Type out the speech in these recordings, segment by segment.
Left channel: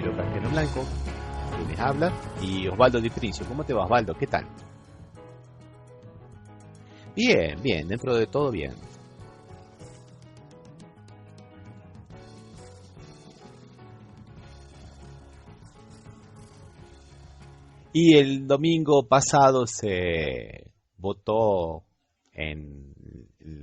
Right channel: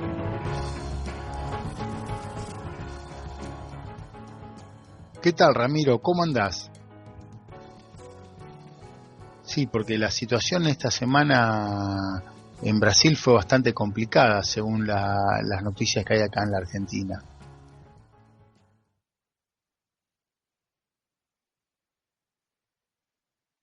Ramiro Cardiel Blanco, les habla, y Osvaldo Di Trincio. ¿Cómo te va, Osvaldo? ¿Qué tal? ¿Qué tal, Ramiro? ¿Cómo andás? Bien, bien, dentro de todo bien. Sí, porque la situación esta semana en Brasil fue bastante complicada, según las noticias que hay acá en la Argentina. Y el domingo pasado se votó en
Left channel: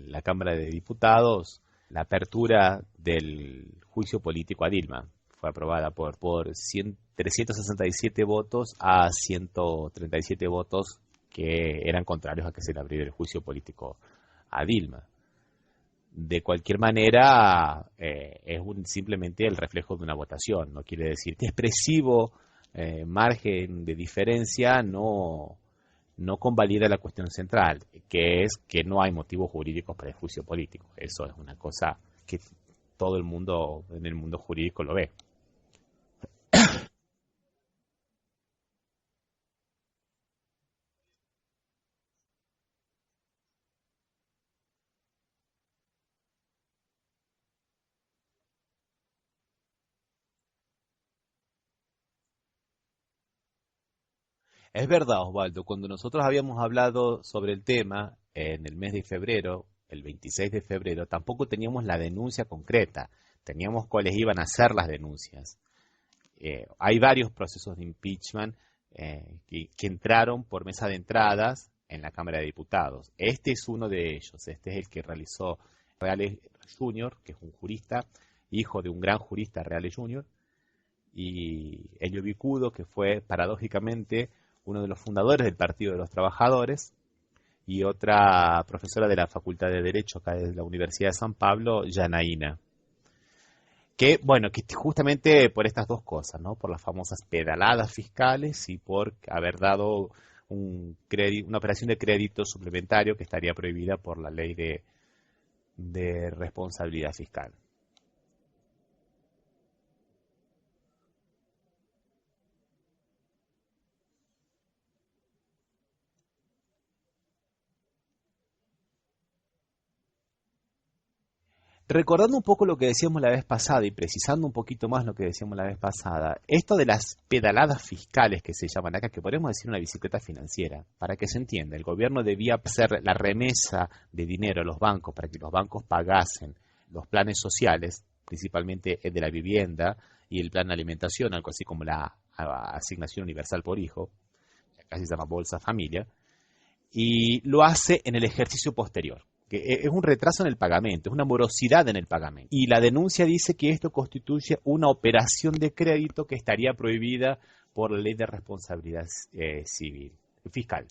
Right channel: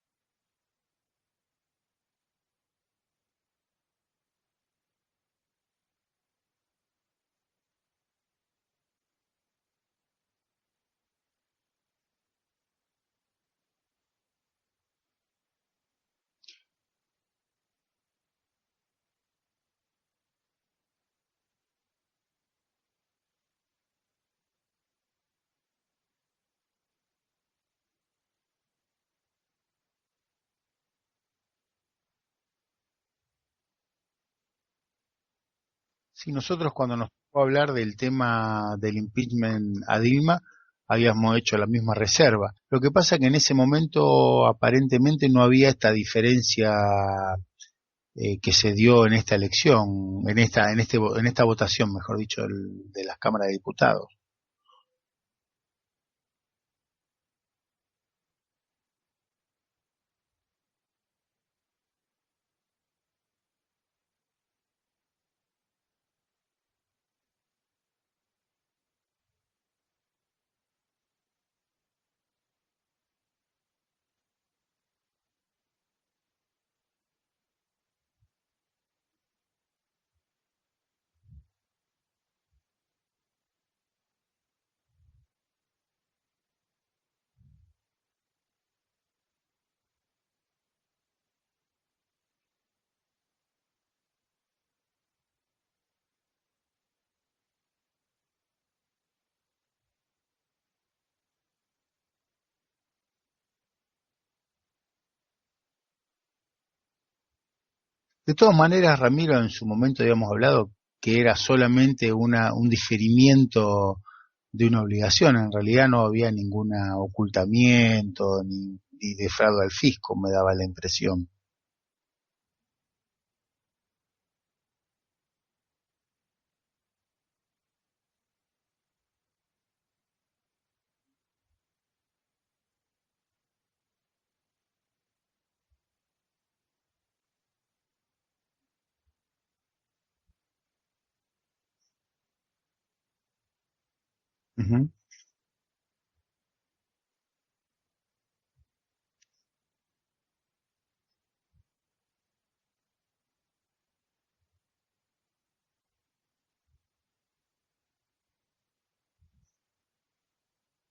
la Cámara de Diputados la apertura del juicio político a Dilma. Fue aprobada por 367 votos a 137 votos que eran contrarios a que se le abriera el juicio político a Dilma. De cualquier manera, es simplemente el reflejo de una votación. No quiere decir que expresivo margen de diferencia no convalida la cuestión central, que es que no hay motivos jurídicos para el juicio político. Eso es una cosa que todo el mundo en el mundo jurídico lo ve. Sí, nosotros cuando nos tocó hablar del tema del impeachment a Dilma, habíamos hecho la misma reserva. Lo que pasa es que en ese momento aparentemente no había esta diferencia que se dio en esta elección, en esta votación, mejor dicho, de las cámaras de diputados. Es verdad, Osvaldo, cuando nosotros habíamos hablado sobre el tema en el mes de febrero, el 26 de febrero, tampoco teníamos la denuncia concreta, teníamos cuáles iban a ser las denuncias. Hay varios procesos de impeachment que entraron por mesa de entradas en la Cámara de Diputados. Este es uno de ellos, este es el que realizó Reales Jr., que es un jurista, hijo de un gran jurista Reales Jr., y Elio Bicudo, que fue paradójicamente uno de los fundadores del Partido de los Trabajadores, y otra profesora de la Facultad de Derecho acá de la Universidad de San Pablo, Yanaína. Que, bueno, que justamente por estas dos cosas, ¿no? Por las famosas pedaladas fiscales y por haber dado una operación de crédito suplementario que estaría prohibida por la ley de responsabilidad fiscal. De todas maneras, Ramiro, en su momento habíamos hablado que era solamente un diferimiento de una obligación. En realidad no había ningún ocultamiento ni defraude al fisco, me daba la impresión. Recordando un poco lo que decíamos la vez pasada y precisando un poquito más lo que decíamos la vez pasada, esto de las pedaladas fiscales que se llaman acá, que podemos decir una bicicleta financiera, para que se entienda, el gobierno debía hacer la remesa de dinero a los bancos para que los bancos pagasen los planes sociales, principalmente el de la vivienda y el plan de alimentación, algo así como la asignación universal por hijo, Uh-huh. casi se llama Bolsa Familia, y lo hace en el ejercicio posterior, que es un retraso en el pagamento, es una morosidad en el pagamento. Y la denuncia dice que esto constituye una operación de crédito que estaría prohibida por la ley de responsabilidad fiscal.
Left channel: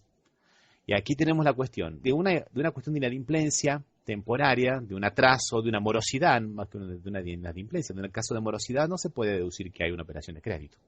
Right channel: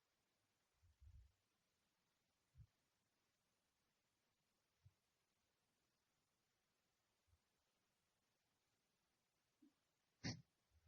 Y aquí tenemos la cuestión de una cuestión de inadimplencia temporaria, de un atraso, de una morosidad, más que de una inadimplencia. En el caso de morosidad no se puede deducir que hay una operación de crédito.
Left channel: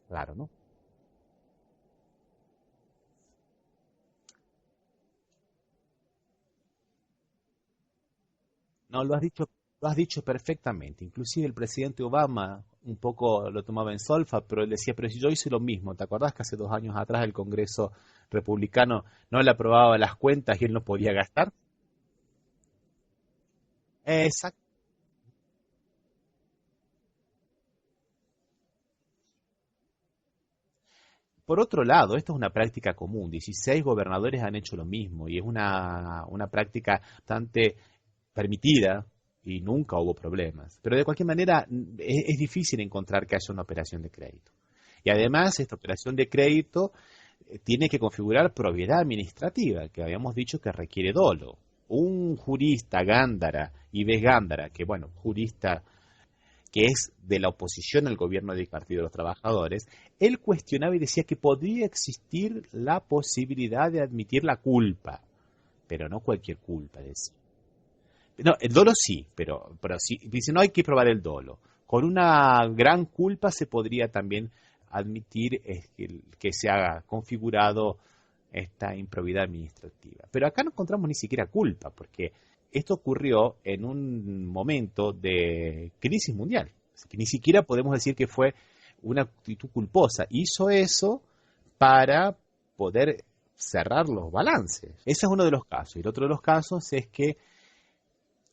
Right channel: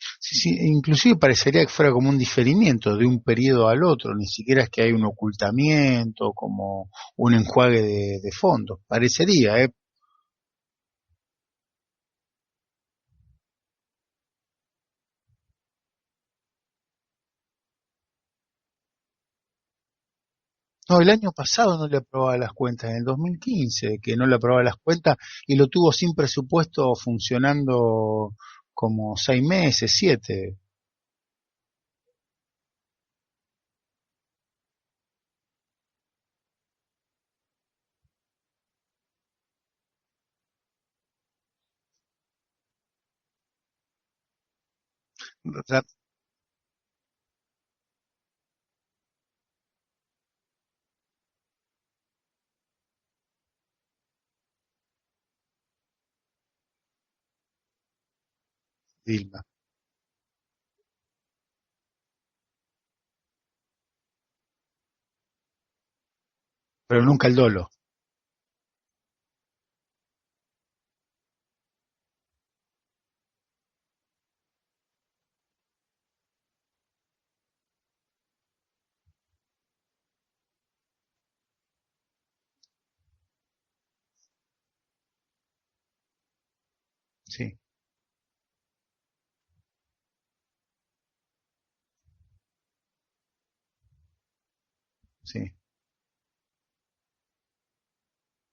Claro, ¿no? Sí, inclusive parecería que fuera como un diferimiento de un periodo al otro, ni siquiera es que hay un ocultamiento, como un enjuague de fondos. No, lo has dicho, Parecería, ¿eh? lo has dicho perfectamente. Inclusive el presidente Obama un poco lo tomaba en solfa, pero él decía, pero si yo hice lo mismo, ¿te acordás que hace 2 años atrás el Congreso republicano no le aprobaba las cuentas y él no No, el podía año gastar? pasado no le aprobaba las cuentas, en el 2015, que no le Exacto. aprobaba las cuentas y lo tuvo sin presupuesto funcionando como 6 meses, 7. Por otro lado, esto es una práctica común. 16 gobernadores han hecho lo mismo y es una práctica bastante permitida y nunca hubo problemas. Pero de cualquier manera es difícil encontrar que haya una operación de crédito. Y además, esta operación de crédito tiene que configurar propiedad administrativa, que habíamos dicho que requiere dolo. Un jurista Gándara, Ives Gándara, que bueno, jurista que es de la oposición al gobierno del Partido de los Dilma. Trabajadores, él cuestionaba y decía que podría existir la posibilidad de admitir la culpa, pero no cualquier culpa. Pero nunca el dolo. No, el dolo sí, pero sí, dice, no hay que probar el dolo. Con una gran culpa se podría también admitir que se haga configurado esta improbidad administrativa. Pero acá no encontramos ni siquiera culpa, porque esto ocurrió en un momento de crisis mundial, que ni Sí, siquiera podemos decir que fue una actitud culposa. Hizo eso para poder cerrar los balances. Ese es uno de sí. los casos. Y el otro de los casos es que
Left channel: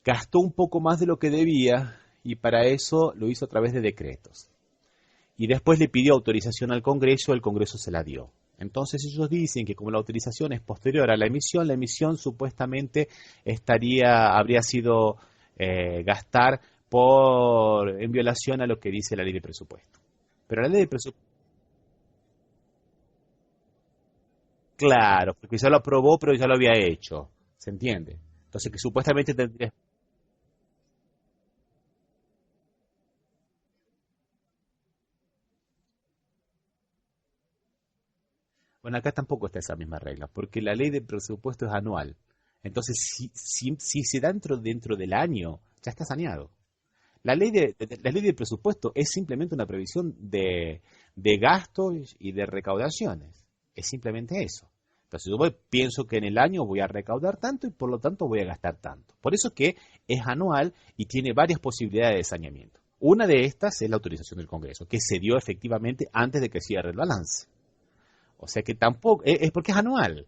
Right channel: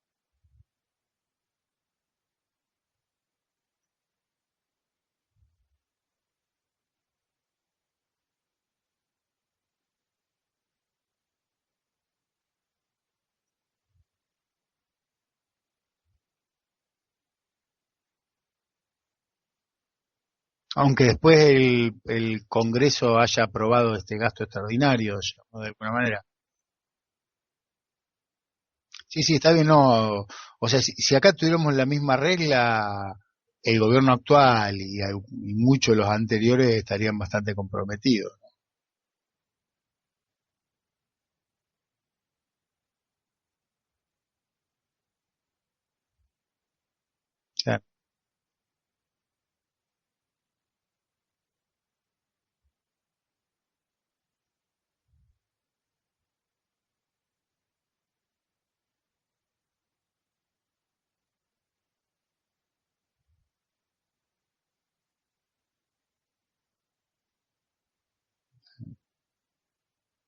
gastó un poco más de lo que debía y para eso lo hizo a través de decretos. y después le pidió autorización al Congreso, el Congreso se la dio. Entonces ellos dicen que como la autorización es posterior a la emisión supuestamente habría sido gastar en violación a lo que dice la ley de presupuesto. Pero la ley de Aunque presupuesto, después el Congreso haya aprobado este gasto extraordinario, claro, porque de ya lo alguna aprobó, manera. pero ya lo había hecho, ¿se entiende? Entonces que Sí, supuestamente sí, está bien, no. O sea, si acá tuviéramos la misma regla, el gobierno actual y muchos de los anteriores estarían bastante comprometidos. bueno, acá tampoco está esa misma regla, porque la ley de presupuesto es anual. Entonces, si se da dentro del año, ya está saneado. Claro. La ley de presupuesto es simplemente una previsión de gastos y de recaudaciones. Es simplemente eso. Entonces, pienso que en el año voy a recaudar tanto y por lo tanto voy a gastar tanto. Por eso que es anual y tiene varias posibilidades de saneamiento. Una de estas es la autorización del Congreso, que se dio efectivamente antes de que cierre el balance. O sea que tampoco, es porque es anual.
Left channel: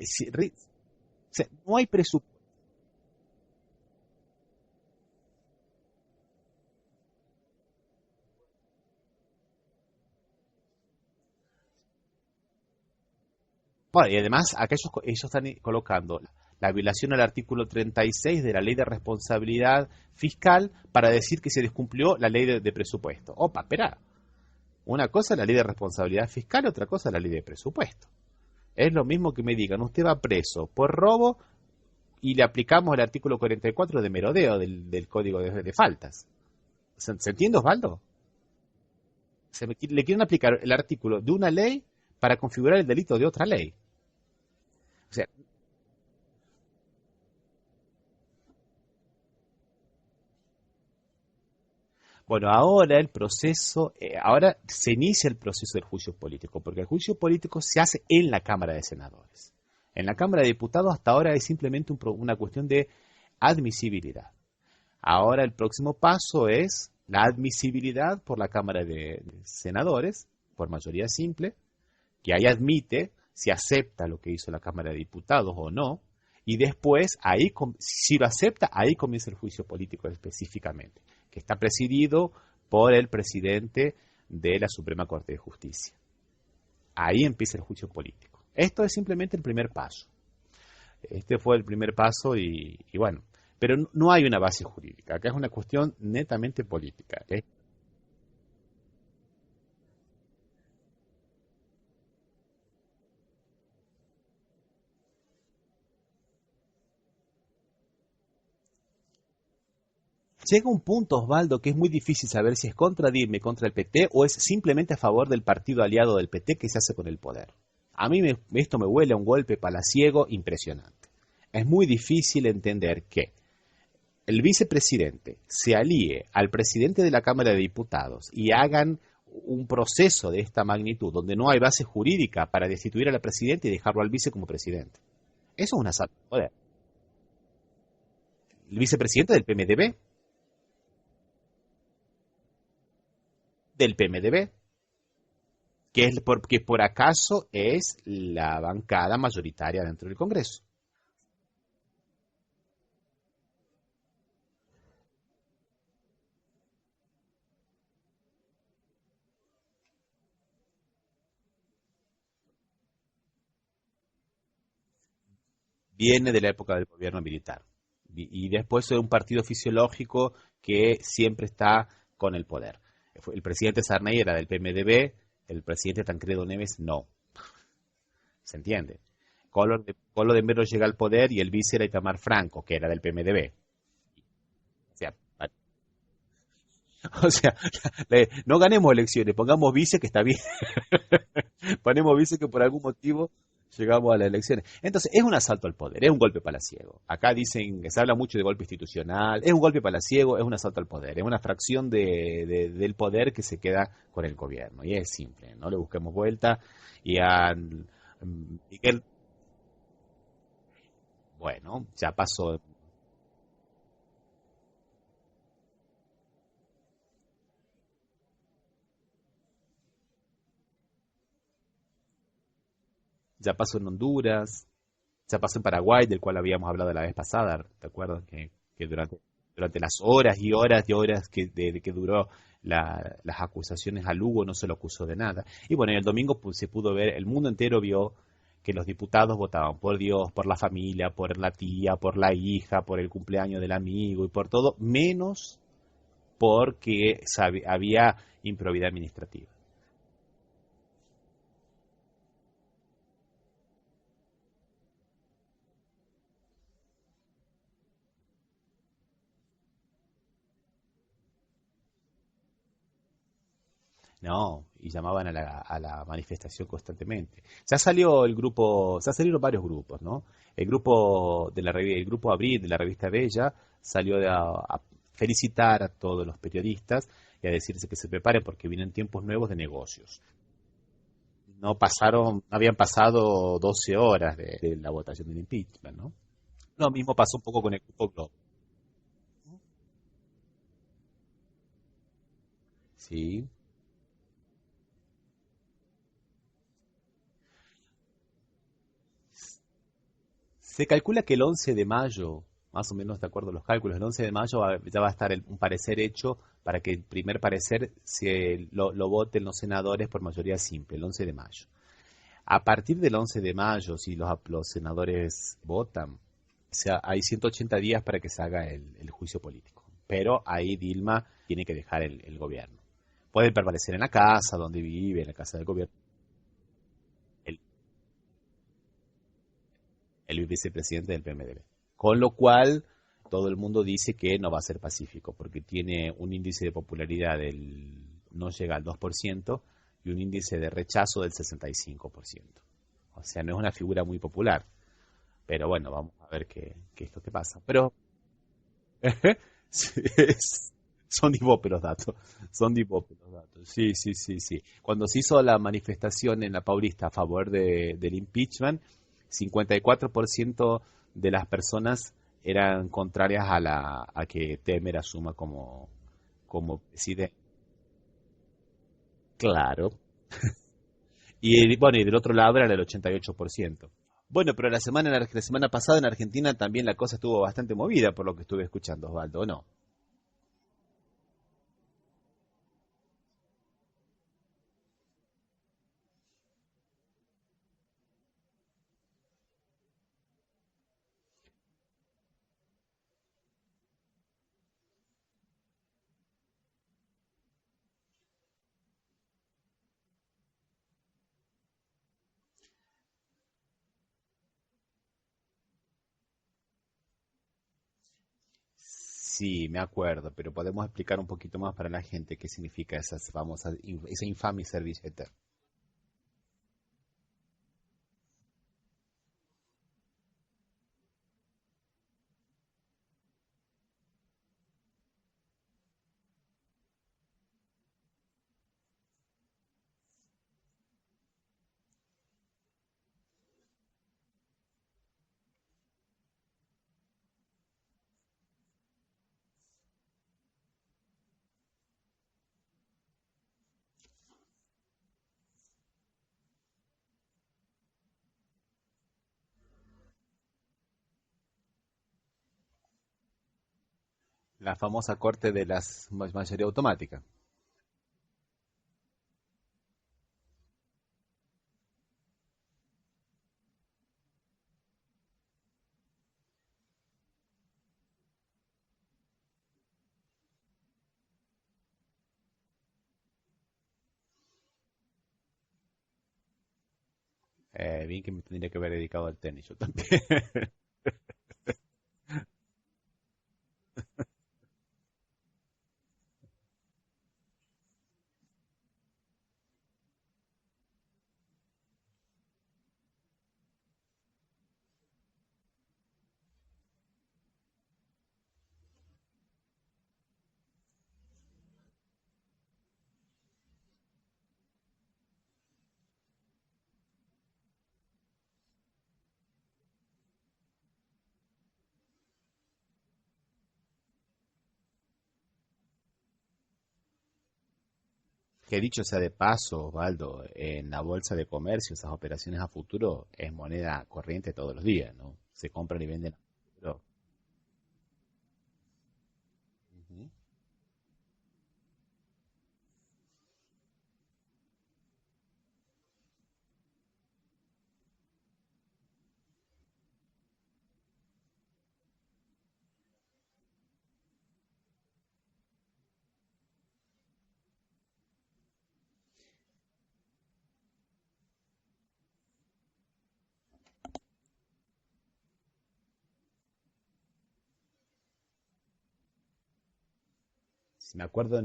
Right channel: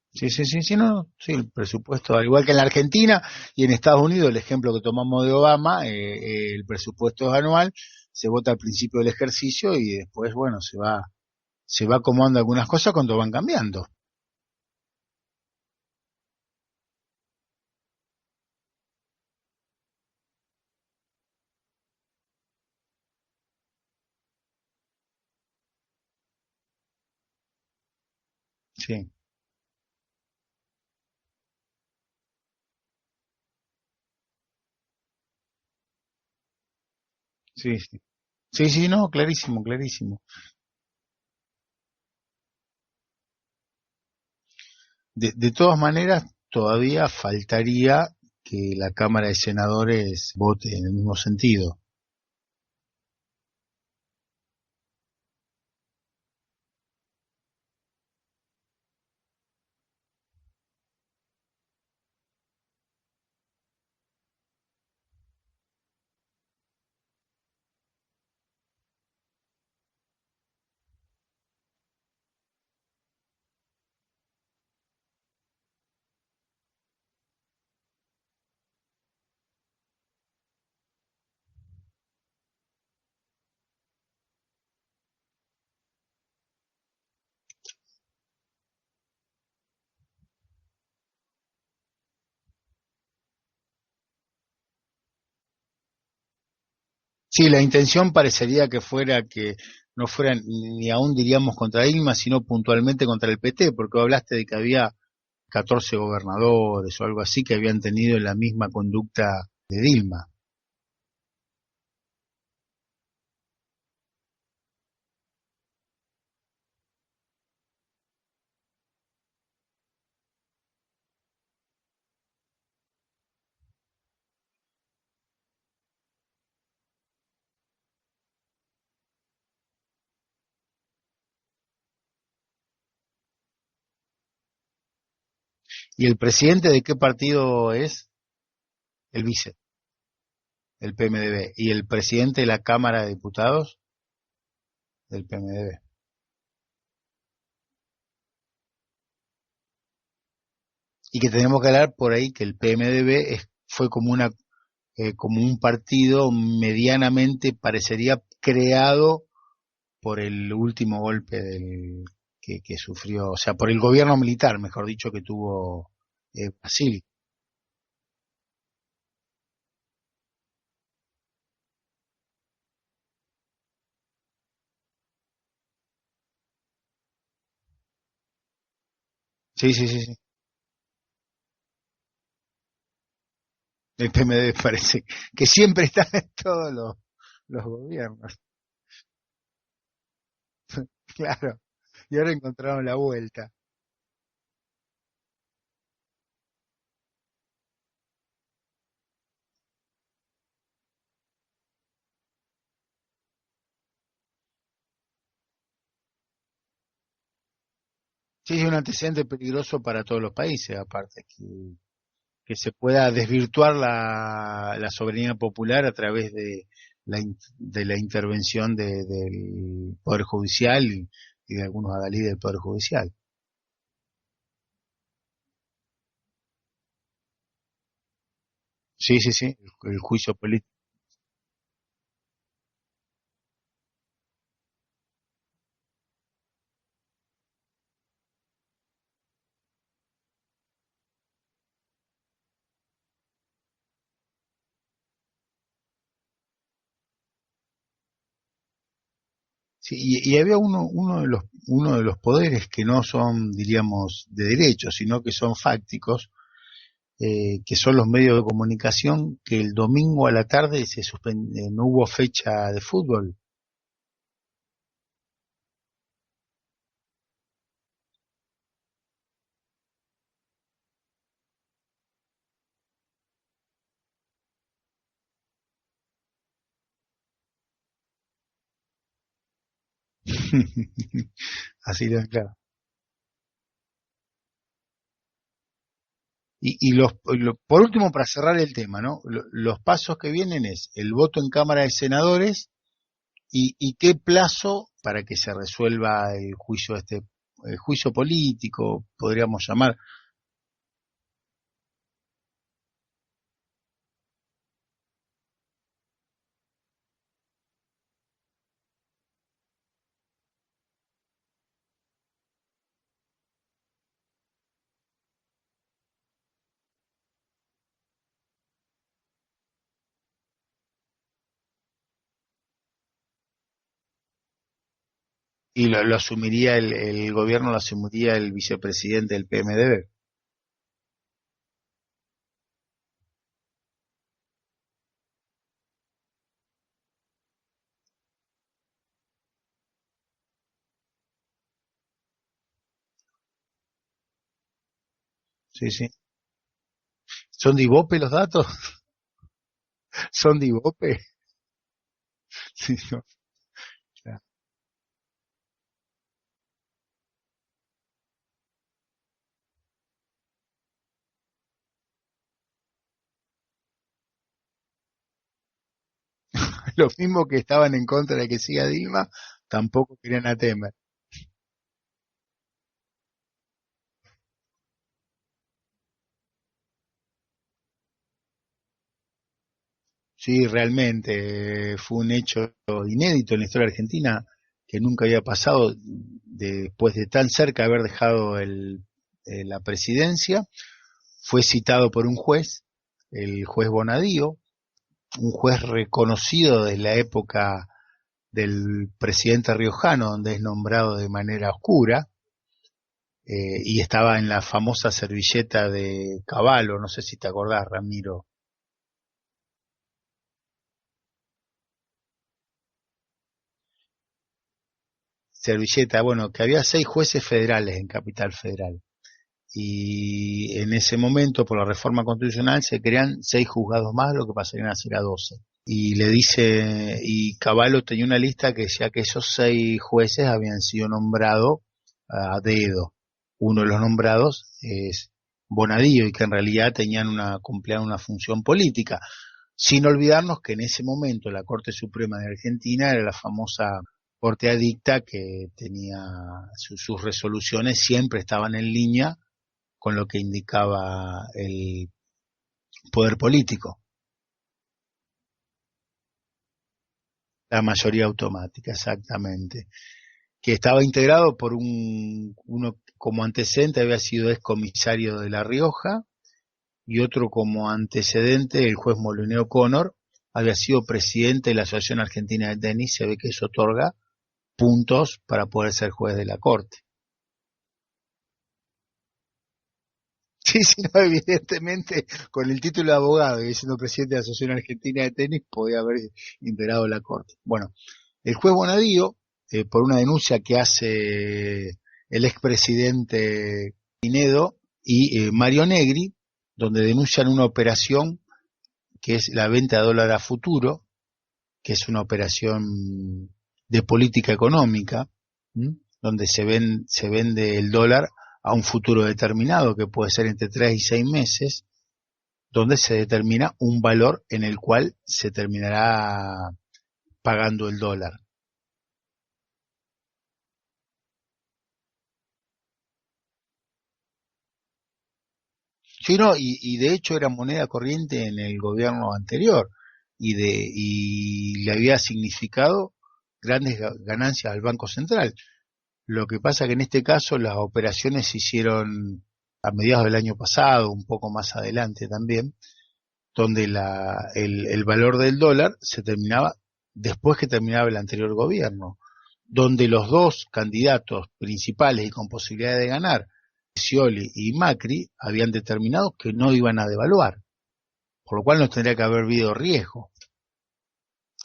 Sí, sí, sí, sí, no, sí, O sea, el no hay presupuesto, al presupuesto. igual que en la Argentina y en Estados Unidos, el ejemplo que tomamos de Obama, el presupuesto es anual, se vota al principio del ejercicio y después, bueno, se va acomodando algunas cosas cuando van cambiando. Bueno, y además, acá ellos están colocando la violación al artículo 36 de la ley de responsabilidad fiscal para decir que se descumplió la ley de presupuesto. Opa, espera. Una cosa es la ley de responsabilidad fiscal, otra cosa es la ley de presupuesto. Es lo Sí, mismo que me digan, usted va preso por robo y le aplicamos el artículo 44 de merodeo del Código de Faltas. ¿Se entiende, sí, sí. Osvaldo? Sí, sí, no, clarísimo, Le clarísimo. quieren aplicar el artículo de una ley para configurar el delito de otra ley. O sea, De todas maneras, todavía faltaría que la Cámara de Senadores vote en el mismo sentido. bueno, ahora ahora se inicia el proceso del juicio político, porque el juicio político se hace en la Cámara de Senadores. En la Cámara de Diputados hasta ahora es simplemente una cuestión de admisibilidad. Ahora el próximo paso es la admisibilidad por la Cámara de Senadores, por mayoría simple, que ahí admite si acepta lo que hizo la Cámara de Diputados o no, y después, si lo acepta, ahí comienza el juicio político específicamente, que está presidido por el presidente de la Suprema Corte de Justicia. Ahí empieza el juicio político. Esto es simplemente el primer paso. Este fue el primer paso y bueno, pero no hay una base jurídica, acá es una cuestión netamente política. Sí, la intención parecería que fuera que no fuera ni aún diríamos contra Dilma, sino puntualmente contra el PT, porque hablaste de que había 14 gobernadores o algo así que habían tenido la misma conducta de Dilma. Llega un punto, Osvaldo, que es muy difícil saber si es contra Dilma, contra el PT, o es simplemente a favor del partido aliado del PT que se hace con el poder. A mí esto me huele a un golpe palaciego impresionante. Es muy difícil entender que el vicepresidente se alíe al presidente de la Cámara de Diputados y hagan un proceso de esta magnitud, donde no hay base jurídica para destituir a la presidenta y dejarlo al vice como presidente. Eso es un ¿Y asalto el al poder. presidente de qué partido es? El El vicepresidente del vice, PMDB, el PMDB. ¿Y el presidente de la Cámara de Diputados? del PMDB, Del PMDB. que por acaso es la bancada mayoritaria dentro del Congreso. Y que tenemos que hablar por ahí que el PMDB fue como como un partido medianamente parecería creado por el último golpe que sufrió, o sea, por el gobierno militar, mejor dicho, que tuvo Viene de la época del Brasil. gobierno militar. Y después es un partido fisiológico que siempre está con el poder. El presidente Sarney era del PMDB, el presidente Tancredo Neves no. ¿Se entiende? Sí, sí, sí, sí. Colo de Melo llega al poder y el vice era Itamar Franco, que era del PMDB. El PMDB parece ¿Cierto? que siempre está en todos O sea, los gobiernos. no ganemos elecciones, pongamos vice que está bien. Claro. Ponemos Y ahora vice que por algún encontraron la motivo vuelta. llegamos a las elecciones. Entonces, es un asalto al poder, es un golpe palaciego. Acá dicen que se habla mucho de golpe institucional, es un golpe palaciego, es un asalto al poder, es una fracción del poder que se queda con el gobierno. Y es simple, no le busquemos vuelta. Y Sí, es un antecedente peligroso para todos los países, aparte. bueno, ya pasó. Que se pueda desvirtuar la soberanía popular a través de de la intervención del Poder Judicial y de algunos adalides del Poder Judicial. Ya pasó en Honduras, ya pasó en Paraguay, del cual habíamos hablado la vez pasada, ¿te acuerdas? Que Sí, sí, sí. durante las El juicio horas y político. horas y horas que duró las acusaciones a Lugo, no se lo acusó de nada. Y bueno, el domingo se pudo ver, el mundo entero vio que los diputados votaban por Dios, por la familia, por la tía, por la hija, por el cumpleaños del amigo y por todo, menos porque había improbidad administrativa. Sí, y había uno de los poderes que no son, diríamos, de derecho, sino que son fácticos, que son los medios de comunicación, que el domingo a la tarde no hubo fecha de fútbol. No, y llamaban a la manifestación constantemente. Ya salió el grupo, ya salieron varios grupos, ¿no? El grupo el grupo Abril de la revista Bella salió a felicitar a todos los periodistas y a decirse que se preparen porque vienen tiempos nuevos de negocios. No pasaron, Claro. habían pasado 12 horas de la votación del impeachment, ¿no? Lo Y mismo pasó un poco con por el último, fútbol. para cerrar el tema, ¿no? Los pasos que vienen es el voto en Cámara de Senadores Sí. y qué plazo para que se resuelva el juicio el juicio político, podríamos llamar. Se calcula que el 11 de mayo, más o menos de acuerdo a los cálculos, el 11 de mayo ya va a estar un parecer hecho para que el primer parecer lo voten los senadores por mayoría simple, el 11 de mayo. A partir del 11 de mayo, si los senadores votan, o sea, hay 180 días para que se haga el juicio político. Pero ahí Dilma tiene que dejar el gobierno. Puede permanecer en la casa donde vive, en la casa del Y gobierno, lo asumiría el gobierno, lo asumiría el vicepresidente del PMDB. el vicepresidente del PMDB. Con lo cual, todo el mundo dice que no va a ser pacífico, porque tiene un índice de popularidad no llega al 2% y un índice de rechazo del 65%. O sea, no es una figura muy popular. Pero bueno, Sí, sí. vamos a ver qué es lo que pasa. ¿Son de Pero Ibope los datos? sí, ¿Son de Ibope? son de Ibope los datos. Son de Sí, Ibope los datos. Sí, sí, sí, sí. Cuando se hizo la manifestación en la Paulista a favor del impeachment, 54% de las personas eran contrarias a que Temer asuma como Los presidente. mismos que estaban en contra de que siga Dilma, Claro. tampoco querían a Temer. Y bueno, y del otro lado era el 88%. Bueno, pero la semana pasada en Argentina también la cosa estuvo bastante movida por lo que estuve escuchando, Osvaldo, ¿o no? Sí, realmente fue un hecho inédito en la historia argentina que nunca había pasado después de tan cerca haber dejado la presidencia. Fue citado por un juez, el juez Bonadío, un juez reconocido desde la época del presidente riojano, donde es nombrado de manera oscura, y estaba en la famosa servilleta de Cavallo, no sé si te acordás, Ramiro. Sí, me acuerdo, pero podemos explicar un poquito más para la gente qué significa esa infame servilleta. Servilleta, bueno, que había 6 jueces federales en Capital Federal. Y en ese momento, por la reforma constitucional, se crean 6 juzgados más, lo que pasarían a ser a 12. Y le dice, y Cavallo tenía una lista que decía que esos 6 jueces habían sido nombrados a dedo. Uno de los nombrados es Bonadío y que en realidad cumplían una función política. Sin olvidarnos que en ese momento la Corte Suprema de Argentina era la famosa Corte Adicta que tenía sus resoluciones, siempre estaban en línea con lo que indicaba el poder político, La famosa corte de la mayoría automática. la mayoría automática, exactamente, que estaba integrado por uno como antecedente había sido excomisario de La Rioja y otro como antecedente, el juez Molineo Connor, había sido presidente de la Asociación Argentina de Tenis, se ve que eso otorga puntos para poder ser juez de la Corte. Bien que me tendría que haber dedicado al tenis yo también. Sí, sí, no, evidentemente, con el título de abogado y siendo presidente de la Asociación Argentina de Tenis, podía haber integrado la Corte. Bueno, el juez Bonadío, por una denuncia que hace el expresidente Pinedo y Mario Negri, donde denuncian una operación que es la venta de dólar a futuro, que es una operación de política económica, ¿m? Donde se vende el dólar a un futuro determinado, que puede ser entre 3 y 6 meses, donde se determina un valor en el cual se terminará pagando el dólar. Que dicho sea de paso, Osvaldo, en la bolsa de comercio, esas operaciones a futuro es moneda corriente todos los días, ¿no? Se compran y venden Sí, a no, futuro. y de hecho era moneda corriente en el gobierno anterior. Ujú. y le había significado grandes ganancias al Banco Central. Lo que pasa que en este caso las operaciones se hicieron a mediados del año pasado, un poco más adelante también, donde el valor del dólar se terminaba después que terminaba el anterior gobierno, donde los dos candidatos principales y con posibilidad de ganar, Scioli y Macri, habían determinado que no iban a devaluar, por lo cual nos tendría que haber habido riesgo. Me acuerdo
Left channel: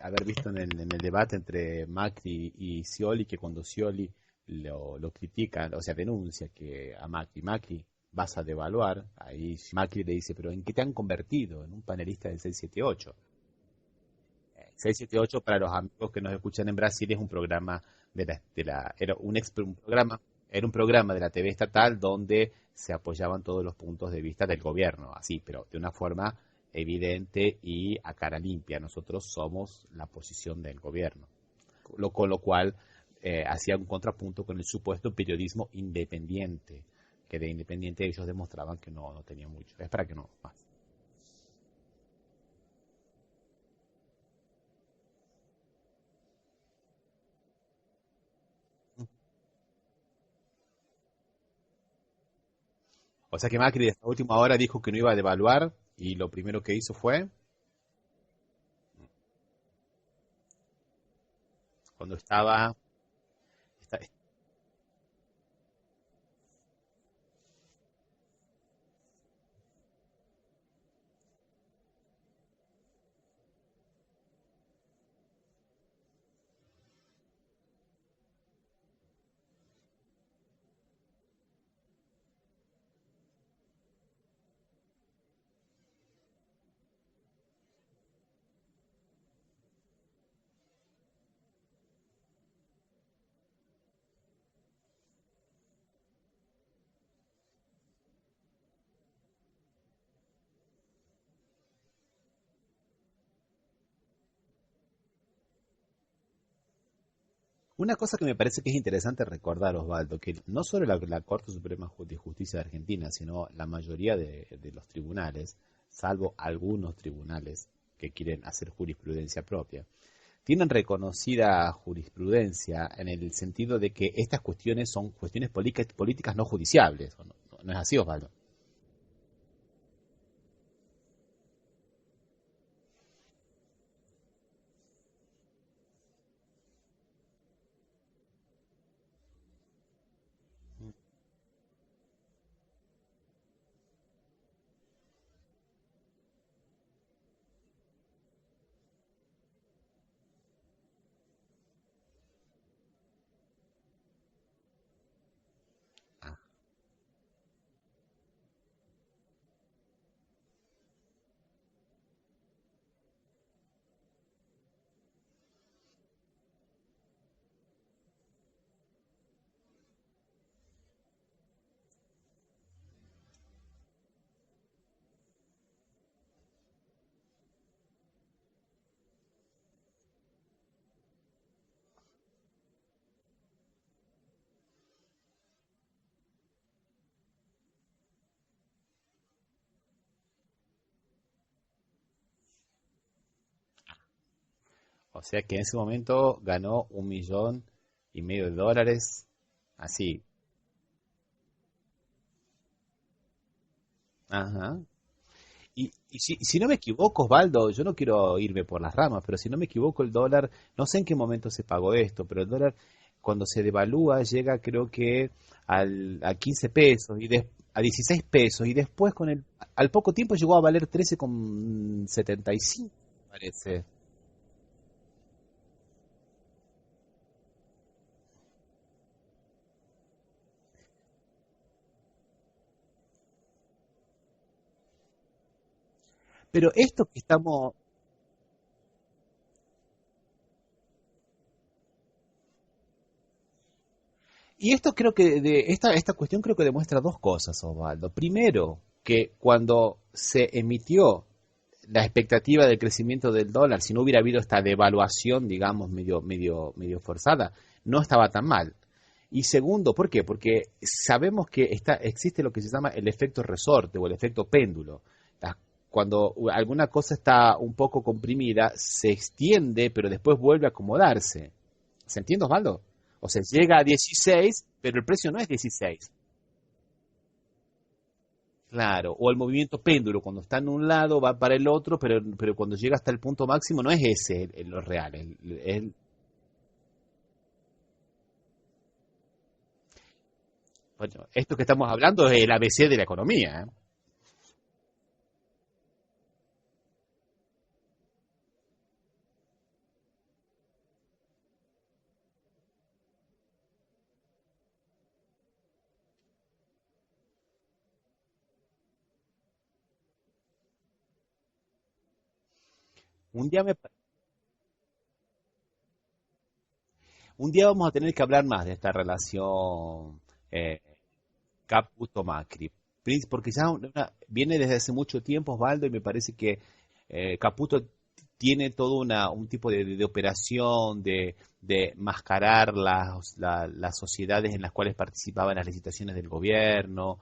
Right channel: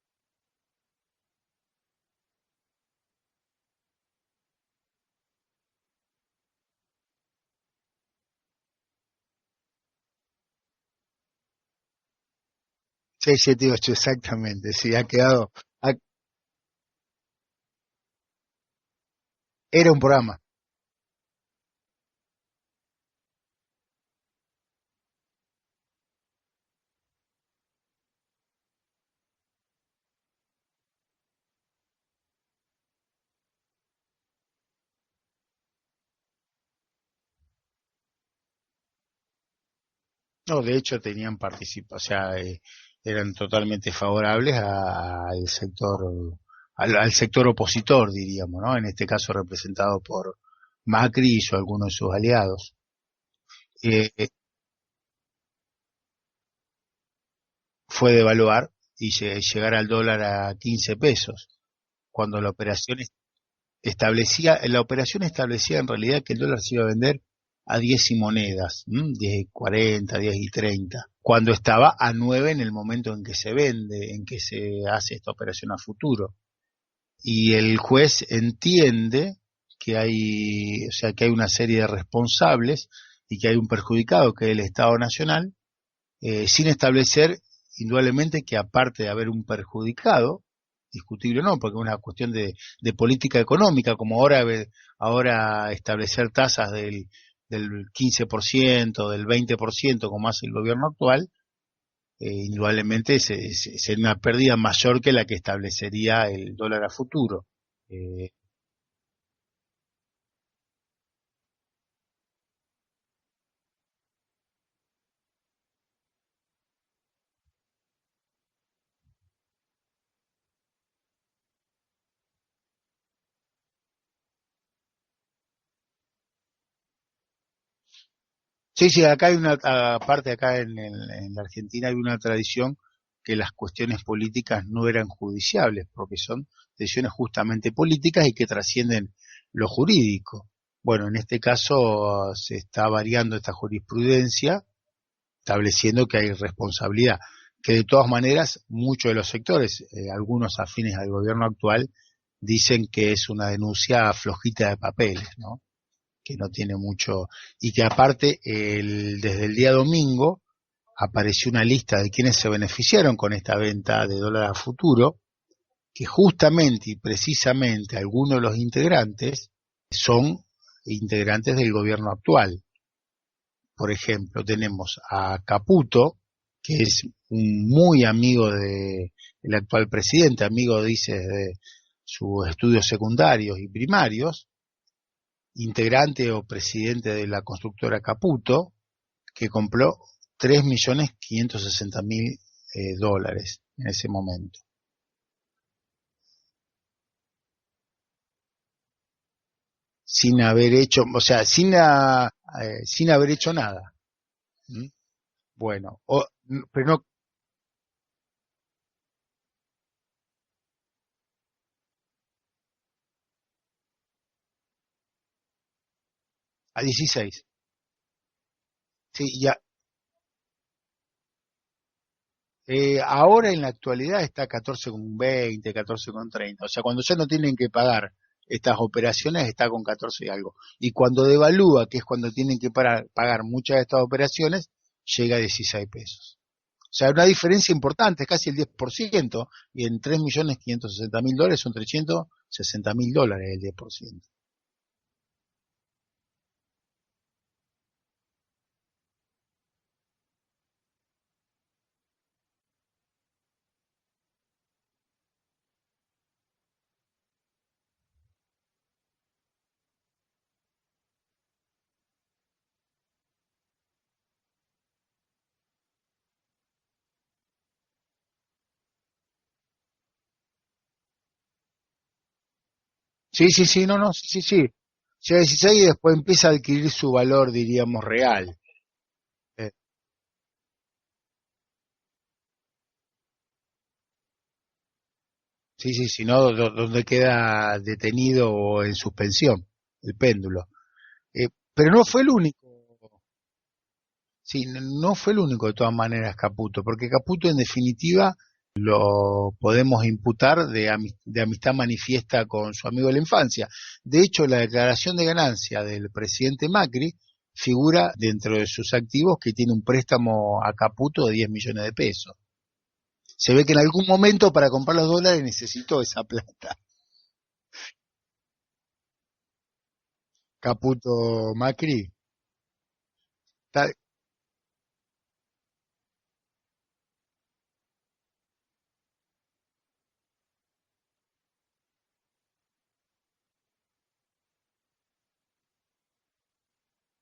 haber visto en el debate entre Macri y Scioli, que cuando Scioli lo critica, o sea, denuncia que a Macri vas a devaluar, ahí Macri le dice, pero ¿en qué te han convertido? En un panelista del 678. 678, exactamente, sí, ha 678, quedado... para los amigos que nos escuchan en Brasil, es un programa era un programa de la TV estatal donde se apoyaban todos los puntos de vista del gobierno, así, pero de una forma evidente y a cara limpia. Nosotros somos la posición del gobierno, con lo cual hacía un contrapunto con el supuesto periodismo independiente, que de independiente ellos demostraban que no tenían mucho. Es para que no. No, de hecho tenían participación, o sea, eran totalmente favorables al sector opositor, diríamos, ¿no? En este caso representado por Macri y algunos de sus aliados. O sea que Macri de última hora dijo que no iba a devaluar y lo primero que hizo fue devaluar y llegar al dólar a 15 pesos. Cuando la operación establecía en realidad que el dólar se iba a vender a 10 y monedas, 10.40, 10.30, cuando estaba a 9 en el momento en que se vende, en que se hace esta operación a futuro. Y el juez entiende que hay una serie de responsables y que hay un perjudicado, que es el Estado Nacional, sin establecer indudablemente que aparte de haber un perjudicado, discutible o no, porque es una cuestión de política económica, como ahora establecer tasas del 15%, del 20%, como hace el gobierno actual, indudablemente sería una pérdida mayor que la que establecería el dólar a futuro. Una cosa que me parece que es interesante recordar, Osvaldo, que no solo la Corte Suprema de Justicia de Argentina, sino la mayoría de los tribunales, salvo algunos tribunales que quieren hacer jurisprudencia propia, tienen reconocida jurisprudencia en el sentido de que estas cuestiones son cuestiones políticas no judiciables. ¿No es así, Osvaldo? Sí, acá hay aparte acá en la Argentina hay una tradición que las cuestiones políticas no eran judiciables, porque son decisiones justamente políticas y que trascienden lo jurídico. Bueno, en este caso se está variando esta jurisprudencia, estableciendo que hay responsabilidad, que de todas maneras muchos de los sectores, algunos afines al gobierno actual, dicen que es una denuncia flojita de papeles, ¿no? Que no tiene mucho, y que aparte desde el día domingo apareció una lista de quienes se beneficiaron con esta venta de dólar a futuro, que justamente y precisamente algunos de los integrantes son integrantes del gobierno actual. Por ejemplo, tenemos a Caputo, que es un muy amigo del actual presidente, amigo, dice, de sus estudios secundarios y primarios, integrante o presidente de la constructora Caputo, que compró 3.560.000 dólares en ese momento. O sea que en ese momento ganó $1,5 millones de dólares, así. Sin haber hecho, o sea, sin haber hecho nada. Ajá. ¿Mm? Bueno, si no me equivoco, Osvaldo, yo no quiero irme por las ramas, pero si no me equivoco, el dólar, no sé en qué momento se pagó esto, pero el dólar cuando se devalúa llega creo que a 15 pesos, a 16 pesos, y después al poco tiempo llegó a valer 13,75. Ahora en la actualidad está 14,20, 14,30, o sea, cuando ya no tienen que pagar estas operaciones está con 14 y algo. Y cuando devalúa, que es cuando tienen que pagar muchas de estas operaciones, llega a 16 pesos. Pero esto, o sea, una diferencia importante, es casi el 10%, y en 3.560.000 dólares son 360.000 dólares el 10%. Y esto creo que, esta cuestión creo que demuestra dos cosas, Osvaldo. Primero, que cuando se emitió la expectativa del crecimiento del dólar, si no hubiera habido esta devaluación, digamos, medio forzada, no estaba tan mal. Y segundo, ¿por qué? Porque sabemos que existe lo que se llama el efecto resorte o el efecto péndulo. cuando alguna cosa está un poco comprimida, se extiende, pero después vuelve a acomodarse. ¿Se entiende, Osvaldo? O sea, Sí, sí, llega a sí, no, no, sí, 16, sí. pero el precio no Llega a es 16 y 16. después empieza a adquirir su valor, diríamos, real. Claro, o el Eh, movimiento péndulo, cuando está en un lado va para el otro, pero cuando llega hasta el punto máximo no es ese lo real, sí, sí, sino donde queda detenido o en suspensión el péndulo. bueno, esto que estamos Pero no fue hablando el es el único, ABC de la economía, ¿eh? sí, no fue el único de todas maneras Caputo, porque Caputo en definitiva lo podemos imputar de amistad manifiesta con su amigo de la infancia. De hecho, la declaración de ganancia del presidente Macri figura dentro de sus activos que tiene un préstamo a Caputo de 10 millones de pesos. Un Se día, ve que en algún momento para comprar los dólares necesitó esa plata. un día vamos a tener que hablar más de esta relación eh, Caputo Macri, Caputo-Macri, porque ya está, viene desde hace mucho tiempo, Osvaldo, y me parece que Caputo tiene todo un tipo de operación de mascarar las sociedades en las cuales participaba en las licitaciones del gobierno,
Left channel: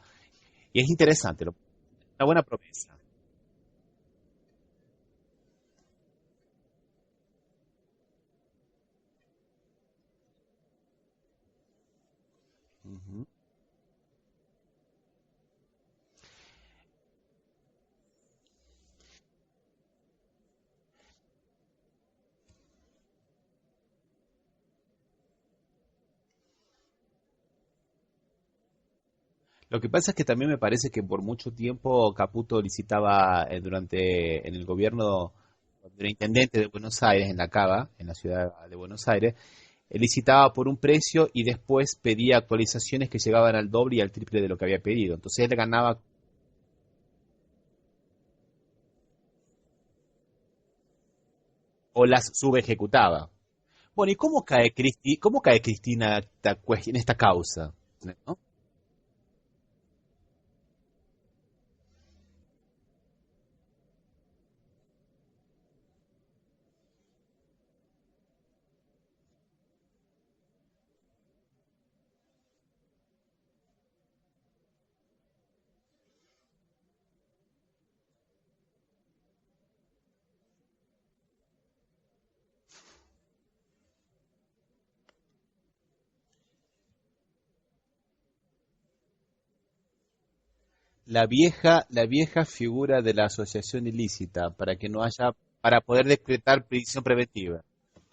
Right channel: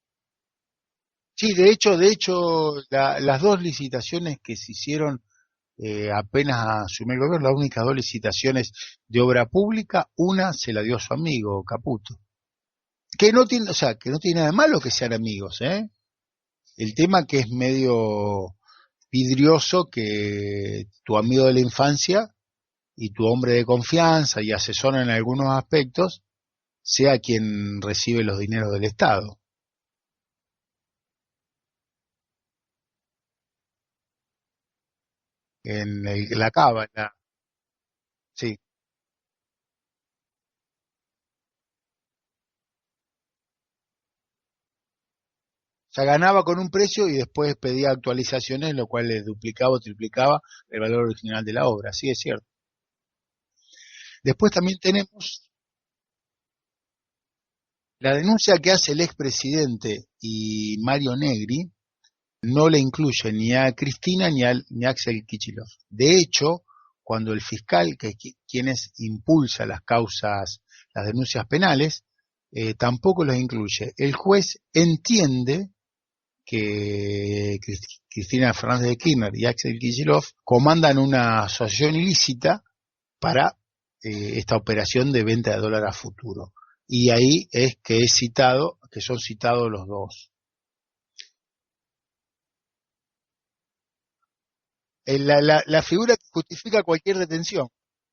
y es interesante, sí, de una buena hecho, propuesta. las dos licitaciones que se hicieron apenas asumió el gobierno, las únicas dos licitaciones de obra pública, una se la dio a su amigo Caputo, Ujú. que no tiene, o sea, que no tiene nada de malo que sean amigos, ¿eh? El tema que es medio vidrioso que tu amigo de la infancia y tu hombre de confianza y asesor en algunos aspectos sea quien recibe los dineros del Estado. Lo que pasa es que también me parece que por mucho tiempo Caputo licitaba en el gobierno del La intendente de cava, Buenos Aires, en la Cava, en la ciudad sí. de Buenos Aires, licitaba por un precio y después pedía actualizaciones que llegaban al doble y al triple de lo que había pedido. Entonces él O ganaba, sea, ganaba con un precio y después pedía actualizaciones, lo cual le duplicaba o triplicaba el valor original de la obra, o sí es las cierto. subejecutaba. Bueno, ¿y Después también Cómo tenemos cae Cristina en esta causa? la denuncia que hace el expresidente y Mario Negri, no le incluye ni a Cristina ni a Axel Kicillof. De hecho, cuando el fiscal, que es quienes impulsa las causas, las denuncias penales, tampoco los incluye. El juez entiende que Cristina Fernández de Kirchner y Axel Kicillof comandan una asociación ilícita para esta operación de venta de dólar a futuro. Y ahí es que son citados los dos. La vieja figura de la asociación ilícita para que no haya, La para poder figura que decretar justifica prisión cualquier preventiva. detención.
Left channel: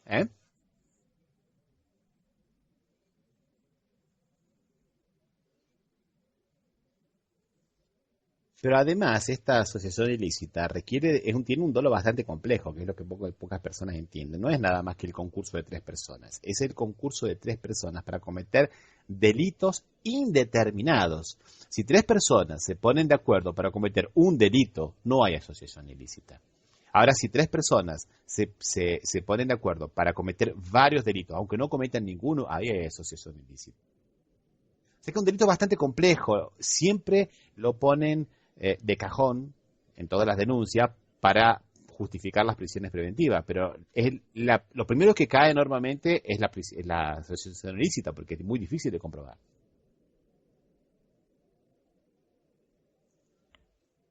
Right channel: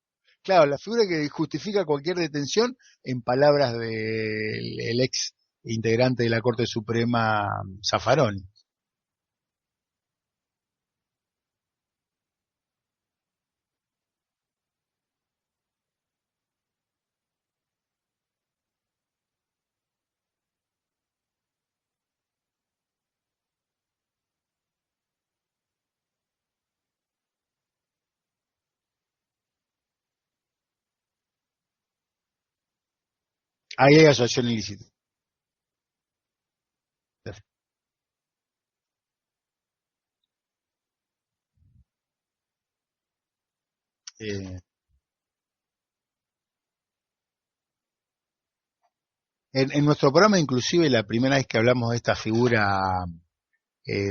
¿Eh? Claro, la figura que justifica cualquier detención, en palabras del ex integrante de la Corte Suprema, Zaffaroni. Pero además, esta asociación ilícita tiene un dolo bastante complejo, que es lo que pocas personas entienden. No es nada más que el concurso de tres personas. Es el concurso de tres personas para cometer delitos indeterminados. Si tres personas se ponen de acuerdo para cometer un delito, no hay asociación ilícita. Ahora, si tres personas se ponen de acuerdo para cometer varios delitos, aunque no cometan ninguno, ahí hay asociación ilícita. Ahí hay asociación ilícita. Sé que es un delito bastante complejo. Siempre lo ponen de cajón en todas las denuncias para justificar las prisiones preventivas, pero lo primero que cae normalmente es la asociación ilícita, porque es muy difícil de comprobar. En nuestro programa, inclusive, la primera vez que hablamos de esta figura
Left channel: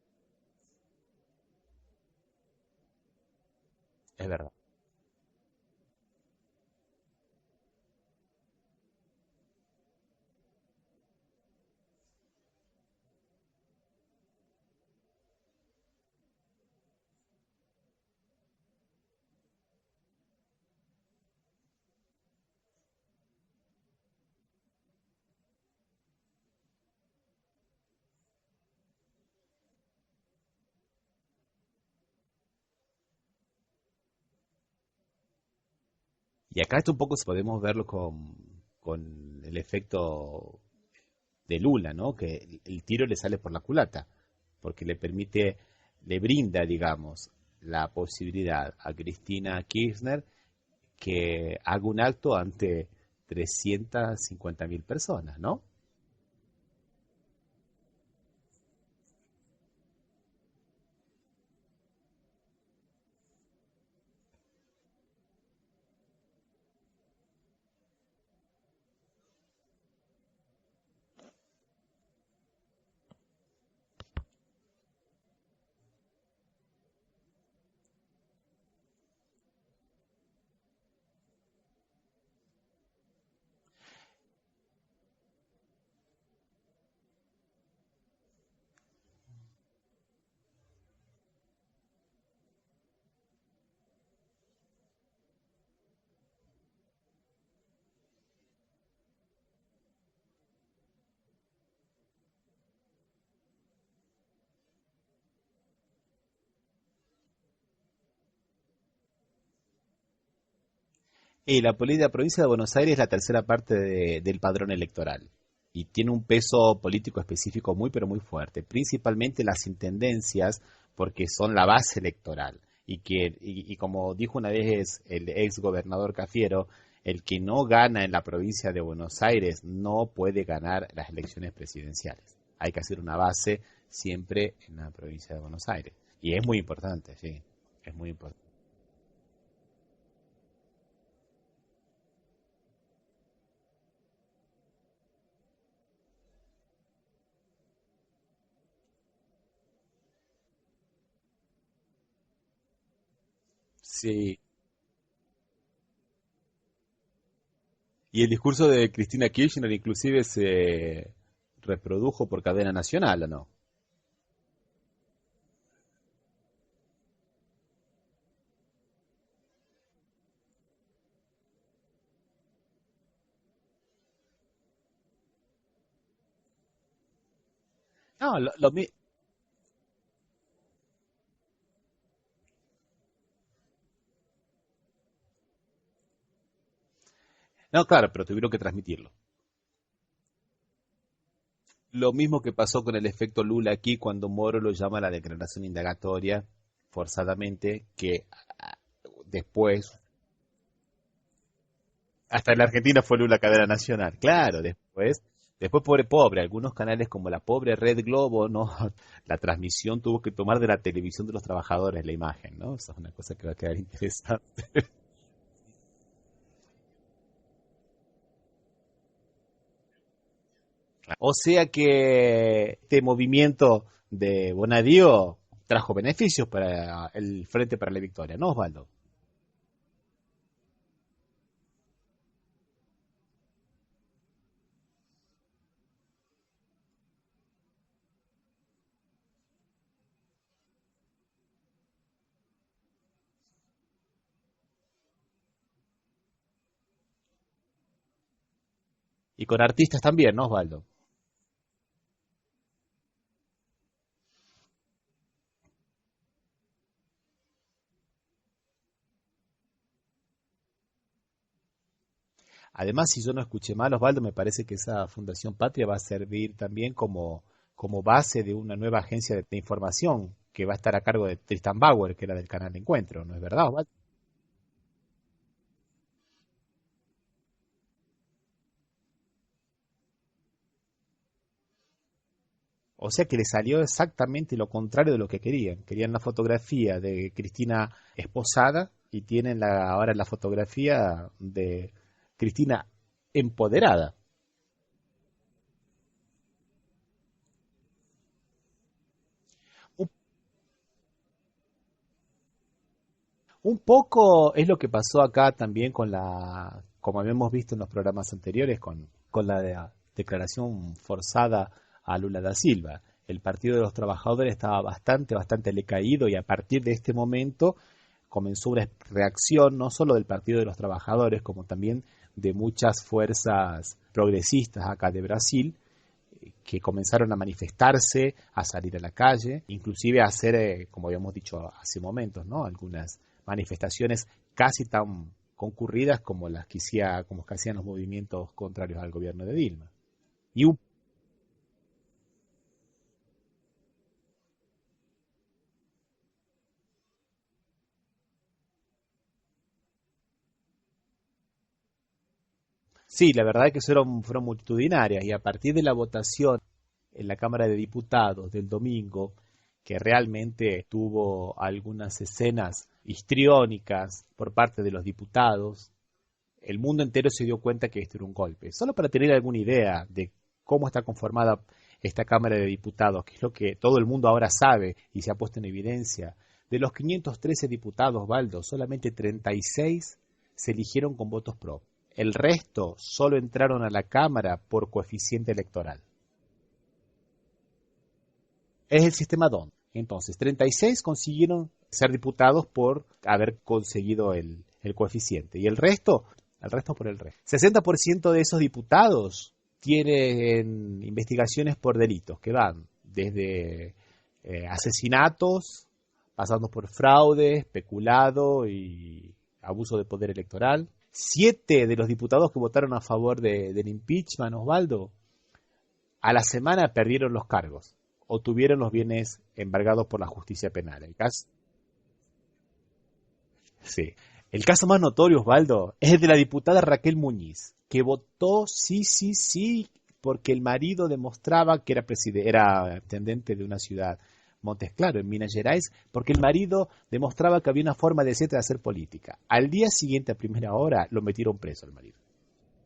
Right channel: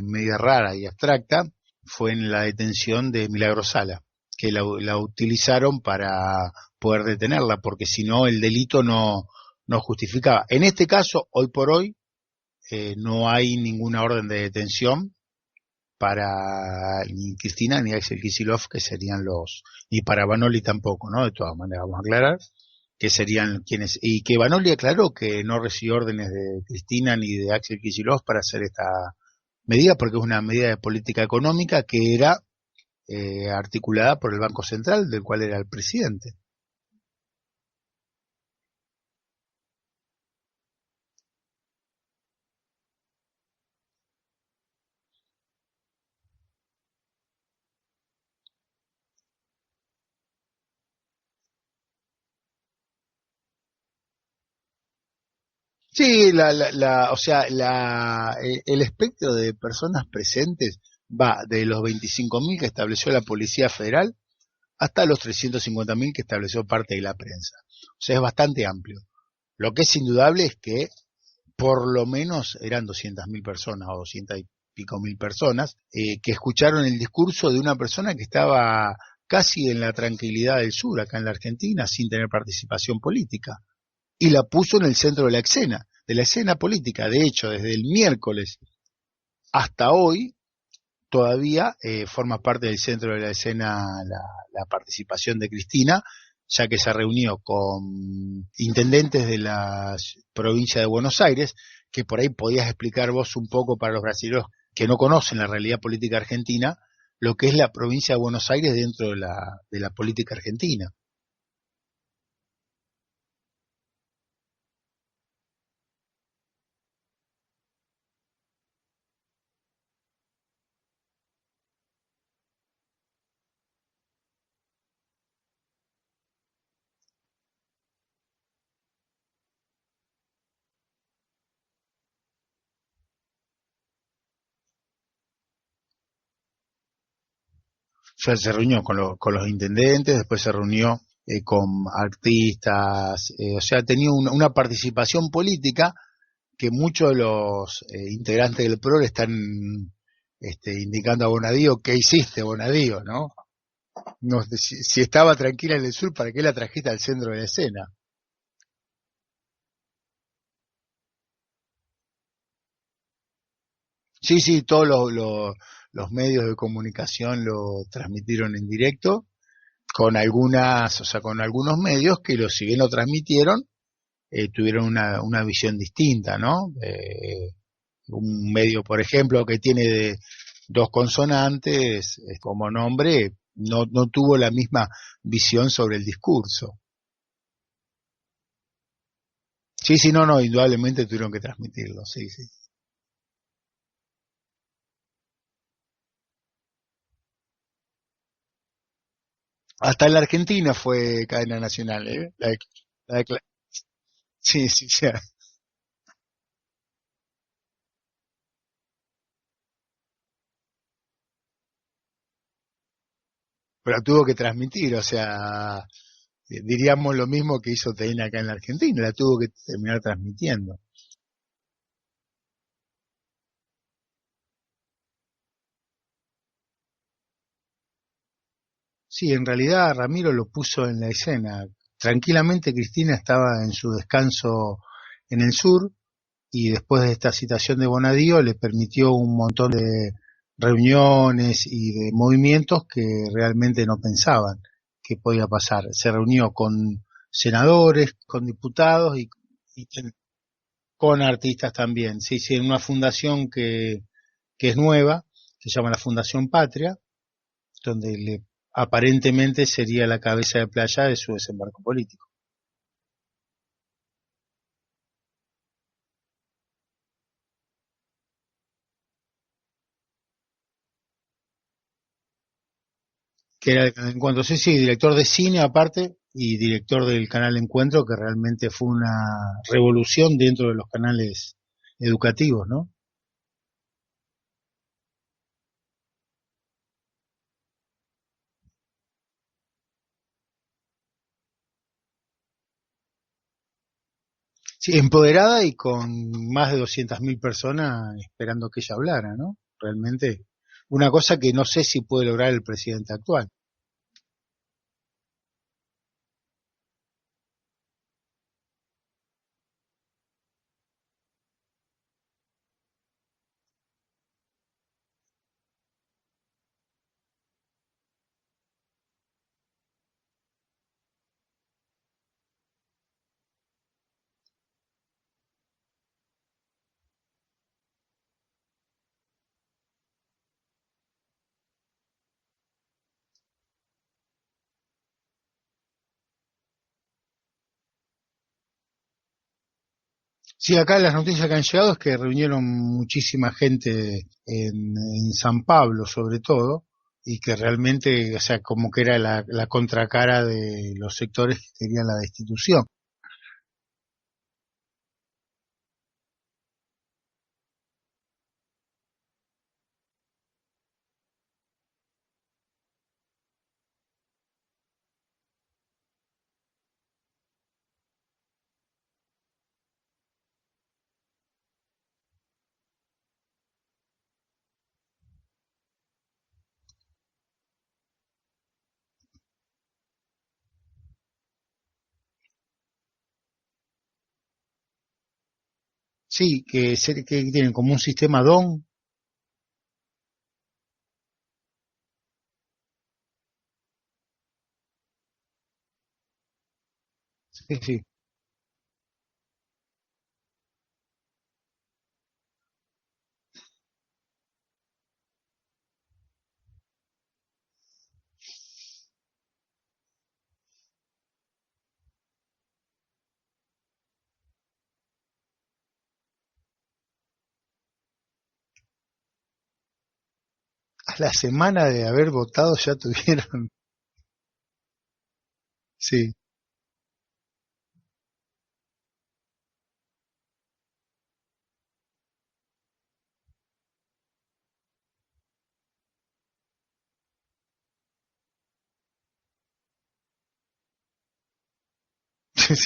media rara y abstracta fue en la detención de Milagro Sala, Es verdad. que la utilizaron para poder detenerla, porque si no el delito no justificaba. En este caso, hoy por hoy, no hay ninguna orden de detención para ni Cristina ni Axel Kicillof, que serían ni para Banoli tampoco, ¿no? De todas maneras, vamos a aclarar que serían quienes, y que Banoli aclaró que no recibió órdenes de Cristina ni de Axel Kicillof para hacer esta medida, porque es una medida de política económica que era articulada por el Banco Central, del cual era el presidente. Y acá esto un poco podemos verlo con el efecto de Lula, ¿no? Que el tiro le sale por la culata, porque le brinda, digamos, la posibilidad a Cristina Kirchner que haga un acto ante 350.000 personas, ¿no? Sí, o sea, el espectro de personas presentes va de los 25.000 que estableció la Policía Federal hasta los 350.000 que estableció parte de la prensa. O sea, es bastante amplio. Lo que es indudable es que por lo menos eran 200.000 personas o 200 y pico mil personas, que escucharon el discurso de una persona que estaba casi en la tranquilidad del sur, acá en la Argentina, sin tener participación política. Y la puso en el centro de la escena política. De hecho, desde el miércoles hasta hoy, todavía forma parte del centro de la escena la participación de Cristina, ya que se reunió con intendentes de la provincia de Buenos Aires, que por ahí podías explicar vos un poco para los brasileños que no conocen la realidad política argentina, lo que es la provincia de Buenos Aires dentro de la política argentina. Y la provincia de Buenos Aires es la tercera parte del padrón electoral y tiene un peso político específico muy pero muy fuerte, principalmente las intendencias porque son la base electoral y como dijo una vez el ex gobernador Cafiero, el que no gana en la provincia de Buenos Aires no puede ganar las elecciones presidenciales. Hay que hacer una base siempre en la provincia de Buenos Aires y es muy importante, sí, es muy O sea, importante. se reunió con los intendentes, después se reunió con artistas, o sea, tenía una participación política que muchos de los integrantes del PRO le están indicando a Bonadío: ¿qué hiciste, Bonadío? ¿No? Sí. No, si estaba tranquila en el sur, ¿para qué la trajiste al centro de la escena? Y el discurso de Cristina Kirchner inclusive se reprodujo por cadena nacional, ¿o no? Sí, sí, todos los medios de comunicación lo transmitieron en directo, con algunas, o sea, con algunos medios que si bien lo transmitieron, tuvieron una visión distinta, ¿no? No, Un medio, por ejemplo, que tiene dos consonantes como nombre, no tuvo la misma visión sobre el discurso. no, claro, pero tuvieron que transmitirlo. Sí, sí, no, indudablemente tuvieron que transmitirlo, Lo sí, mismo sí. que pasó con el efecto Lula aquí cuando Moro lo llama a la declaración indagatoria forzadamente, que después, Hasta en la Argentina fue cadena nacional, ¿eh? hasta en la Argentina fue Lula cadena nacional. Claro, Sí, sí, sí. después pobre, algunos canales como la pobre Red Globo, ¿no? La transmisión tuvo que tomar de la televisión de los trabajadores la imagen, ¿no? Esa es una cosa que va a quedar Pero tuvo que interesante. transmitir, o sea, diríamos lo mismo que hizo TN acá en la Argentina, la tuvo que terminar transmitiendo. O sea que este movimiento de Bonadío trajo beneficios para el Frente para la Victoria, ¿no, Osvaldo? Sí, en realidad Ramiro lo puso en la escena. Tranquilamente Cristina estaba en su descanso en el sur, y después de esta citación de Bonadío le permitió un montón de reuniones y de movimientos que realmente no pensaban que podía pasar. Se reunió con senadores, con diputados Y con artistas también, ¿no, Osvaldo? con artistas también. Sí, sí, en una fundación que es nueva, se llama la Fundación Patria, donde aparentemente sería la cabeza de playa de su desembarco político. Además, si yo no escuché mal, Osvaldo, me parece que esa Fundación Patria va a servir también como base de una nueva agencia de información que va a estar a cargo de Tristan Bauer, que era del canal Encuentro, ¿no es verdad, Que era Osvaldo? el Canal Encuentro, sí, sí, director de cine aparte y director del canal Encuentro, que realmente fue una revolución dentro de los canales educativos, ¿no? O sea que le salió exactamente lo contrario de lo que querían. Querían la fotografía de Cristina esposada y tienen ahora la fotografía de Cristina empoderada. Sí, empoderada y con más de 200.000 personas esperando que ella hablara, ¿no? Un, Realmente una cosa que no sé si puede lograr el presidente actual. un poco es lo que pasó acá también como habíamos visto en los programas anteriores, con la declaración forzada a Lula da Silva. El Partido de los Trabajadores estaba bastante decaído y a partir de este momento comenzó una reacción no solo del Partido de los Trabajadores, como también de muchas fuerzas progresistas acá de Brasil, que comenzaron a manifestarse, a salir a la calle, inclusive a hacer, como habíamos dicho hace momentos, ¿no? Algunas manifestaciones casi tan concurridas como como que hacían los movimientos contrarios al gobierno de Dilma. Y Sí, acá las noticias que han llegado es que reunieron muchísima gente en San Pablo, sobre todo, y que realmente, o sea, como que era la contracara de los sectores que querían la destitución. sí, la verdad es que fueron multitudinarias y a partir de la votación en la Cámara de Diputados del domingo, que realmente tuvo algunas escenas histriónicas por parte de los diputados, el mundo entero se dio cuenta que esto era un golpe. Solo para tener alguna idea de cómo está conformada esta Cámara de Diputados, que es lo que todo el mundo ahora sabe y se ha puesto en evidencia, de los 513 diputados, Osvaldo, solamente 36 se eligieron con votos pro. El resto solo entraron a la Cámara por coeficiente electoral. Sí, que tienen como un sistema DON. Es el sistema DON. Entonces, 36 consiguieron ser diputados por haber conseguido el coeficiente. Y el resto por el resto. 60% de esos diputados tienen investigaciones por delitos que van desde asesinatos, pasando por fraude, peculado y abuso de poder electoral. 7 de los diputados que votaron a favor del impeachment, Osvaldo, a la semana perdieron los cargos o tuvieron los bienes embargados por la justicia penal. A la semana de haber votado ya tuvieron. Sí. El caso más notorio, Osvaldo, es el de la diputada Raquel Muñiz, que votó sí, porque el marido demostraba que era intendente de una ciudad, Montes Claros, en Minas Gerais, porque el marido demostraba que había una forma decente de hacer política. Al día siguiente, a primera hora, lo metieron preso al marido.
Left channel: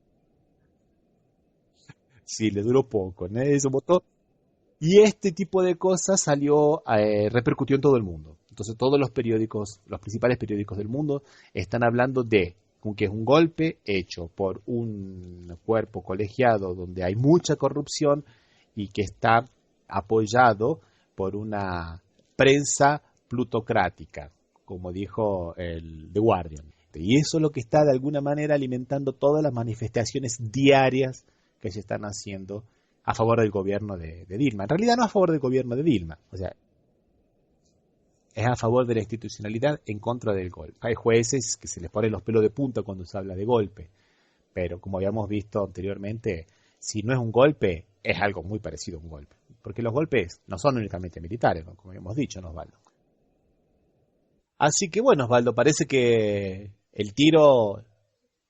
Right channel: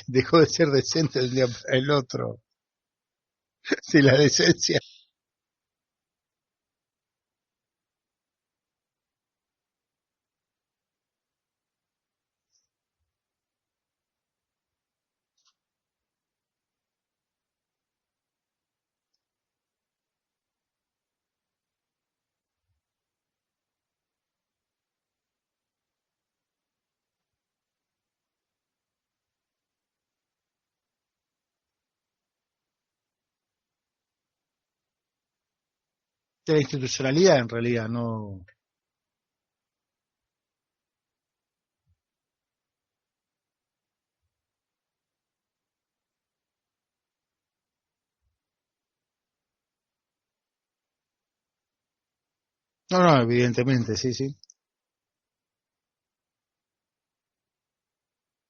Dejó de ser decente el día el otro. Sí, le duró poco, ¿no? Eso votó. Sí, la decencia. Y este tipo de cosas repercutió en todo el mundo. Entonces todos los principales periódicos del mundo están hablando de que es un golpe hecho por un cuerpo colegiado donde hay mucha corrupción y que está apoyado por una prensa plutocrática, como dijo el The Guardian. Y eso es lo que está de alguna manera alimentando todas las manifestaciones diarias que se están haciendo a favor del gobierno de Dilma. En realidad no a favor del gobierno de Dilma. O sea, de la institucionalidad, en realidad, no. Es a favor de la institucionalidad en contra del golpe. Hay jueces que se les ponen los pelos de punta cuando se habla de golpe. Pero como habíamos visto anteriormente, si no es un golpe, es algo muy parecido a un golpe. Porque los golpes no son únicamente militares, ¿no? Como habíamos dicho, ¿no, Osvaldo? No, evidentemente, sí. Así que bueno, Osvaldo, parece que el tiro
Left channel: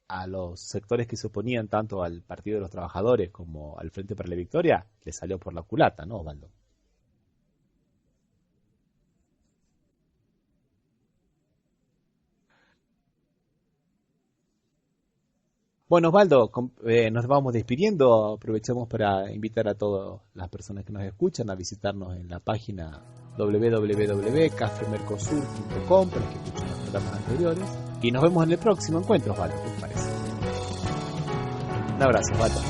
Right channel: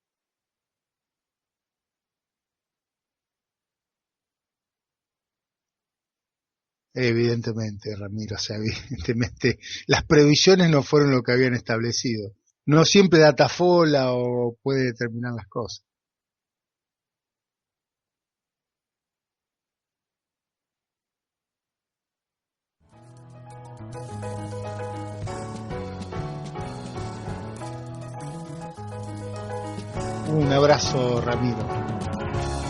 a los sectores que se oponían tanto al Partido de los Trabajadores como al Frente para la Victoria le salió por la culata, ¿no, Osvaldo? Evidentemente, Ramiro, o sea, evidentemente las previsiones no fueron lo que habían establecido. No siempre datafola o puede determinar las cosas. Bueno, Osvaldo, nos vamos despidiendo. Aprovechamos para invitar a todas las personas que nos escuchan a visitarnos en la página www.cafemercosur.com y nos vemos en el próximo encuentro, Osvaldo. ¿Qué te parece? Un abrazo, Ramiro. Un abrazo, Osvaldo.